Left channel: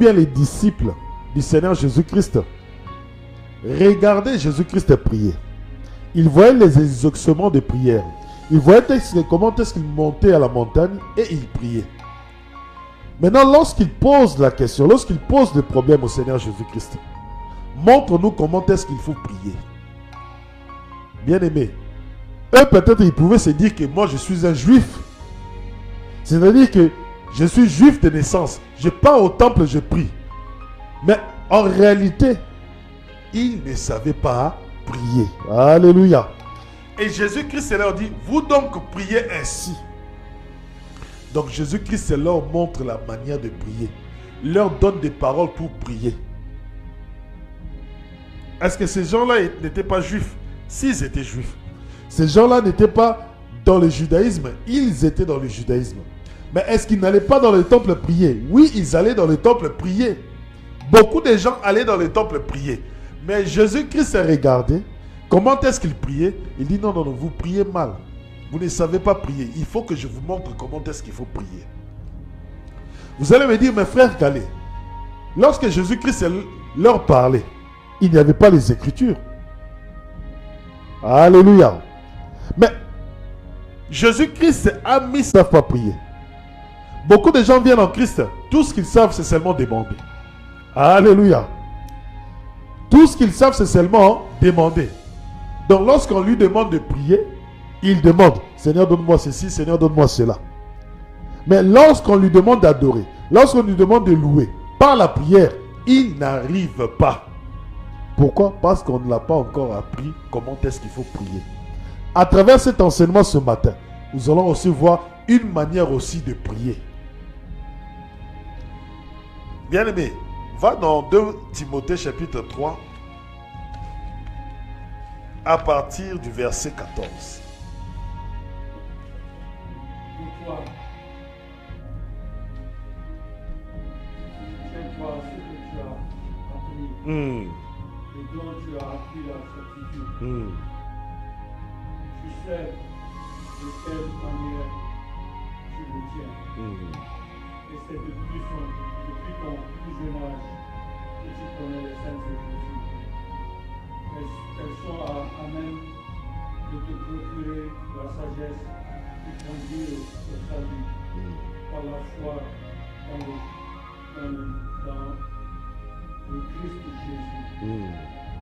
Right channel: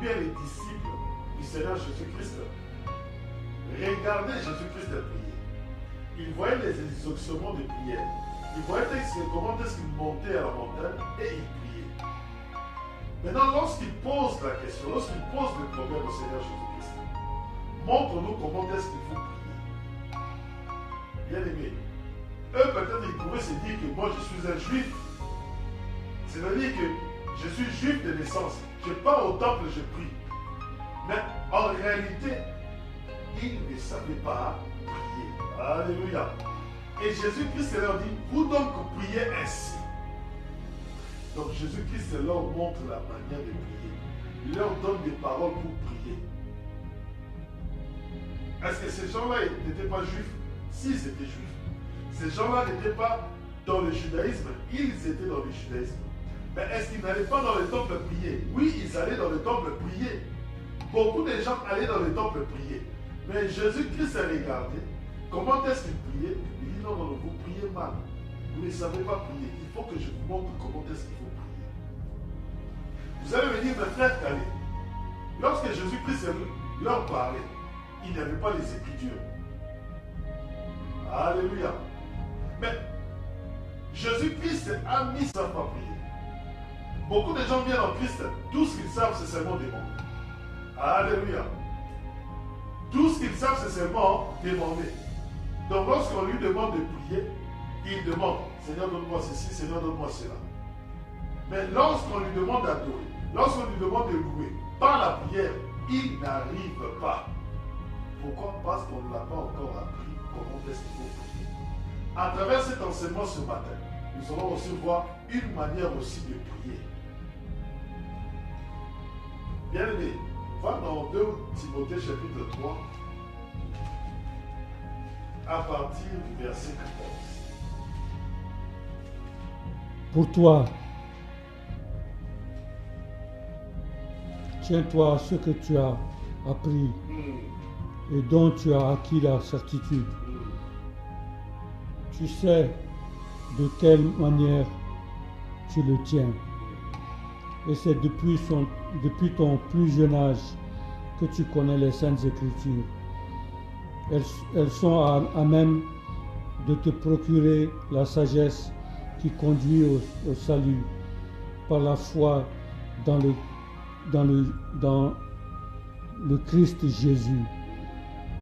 bien les disciples du Seigneur Jésus-Christ, regardaient Jésus-Christ prier. Ils voyaient les exaucements de prière. Ils voyaient comment est-ce qu'il montait à la montagne et il priait. Maintenant, lorsqu'il pose la question, lorsqu'il pose le problème au Seigneur Jésus-Christ, montre-nous comment est-ce qu'il faut prier. Bien-aimés, eux peut-être ils pouvaient se dire que moi je suis un juif. C'est-à-dire que je suis juif de naissance. Je pars au temple, je prie. Mais en réalité, ils ne savaient pas prier. Alléluia. Et Jésus-Christ leur dit, vous donc priez ainsi. Donc Jésus-Christ leur montre la manière de prier. Il leur donne des paroles pour prier. Est-ce que ces gens-là n'étaient pas juifs? S'ils étaient juifs. Ces gens-là n'étaient pas dans le judaïsme. Ils étaient dans le judaïsme. Mais est-ce qu'ils n'allaient pas dans le temple prier? Oui, ils allaient dans le temple prier. Beaucoup de gens allaient dans le temple prier. Mais Jésus-Christ a regardé. Comment est-ce qu'il priait? Il dit non, non, non, vous priez mal. Vous ne savez pas prier. Il faut que je vous montre comment est-ce qu'il faut prier. Vous allez me dire, mes frères Calais, lorsque Jésus-Christ leur parlait, il n'y avait pas les Écritures. Alléluia. Mais Jésus-Christ a mis, ils ne savent pas prier. Beaucoup de gens viennent en Christ. Tout ce qu'ils savent, c'est seulement demander. Alléluia. Tout ce qu'ils savent, c'est seulement demander. Donc lorsqu'on lui demande de prier, il demande, Seigneur donne-moi ceci, Seigneur donne-moi cela. Mais lorsqu'on lui demande d'adorer, lorsqu'on lui demande de louer, par la prière, il n'arrive pas. Pourquoi? Parce qu'on ne l'a pas encore appris comment est-ce qu'il faut prier. À travers cet enseignement ce matin, nous allons aussi voir une manière aussi de prier. Bien-aimé, va dans 2 Timothée chapitre 3 à partir du verset 14. Pour toi, tiens-toi à ce que tu as appris et dont tu as acquis la certitude. Tu sais de quelle manière tu le tiens. Et c'est depuis ton plus jeune âge que tu connais les Saintes Écritures. Elles sont à même de te procurer la sagesse qui conduit au salut par la foi dans le Christ Jésus.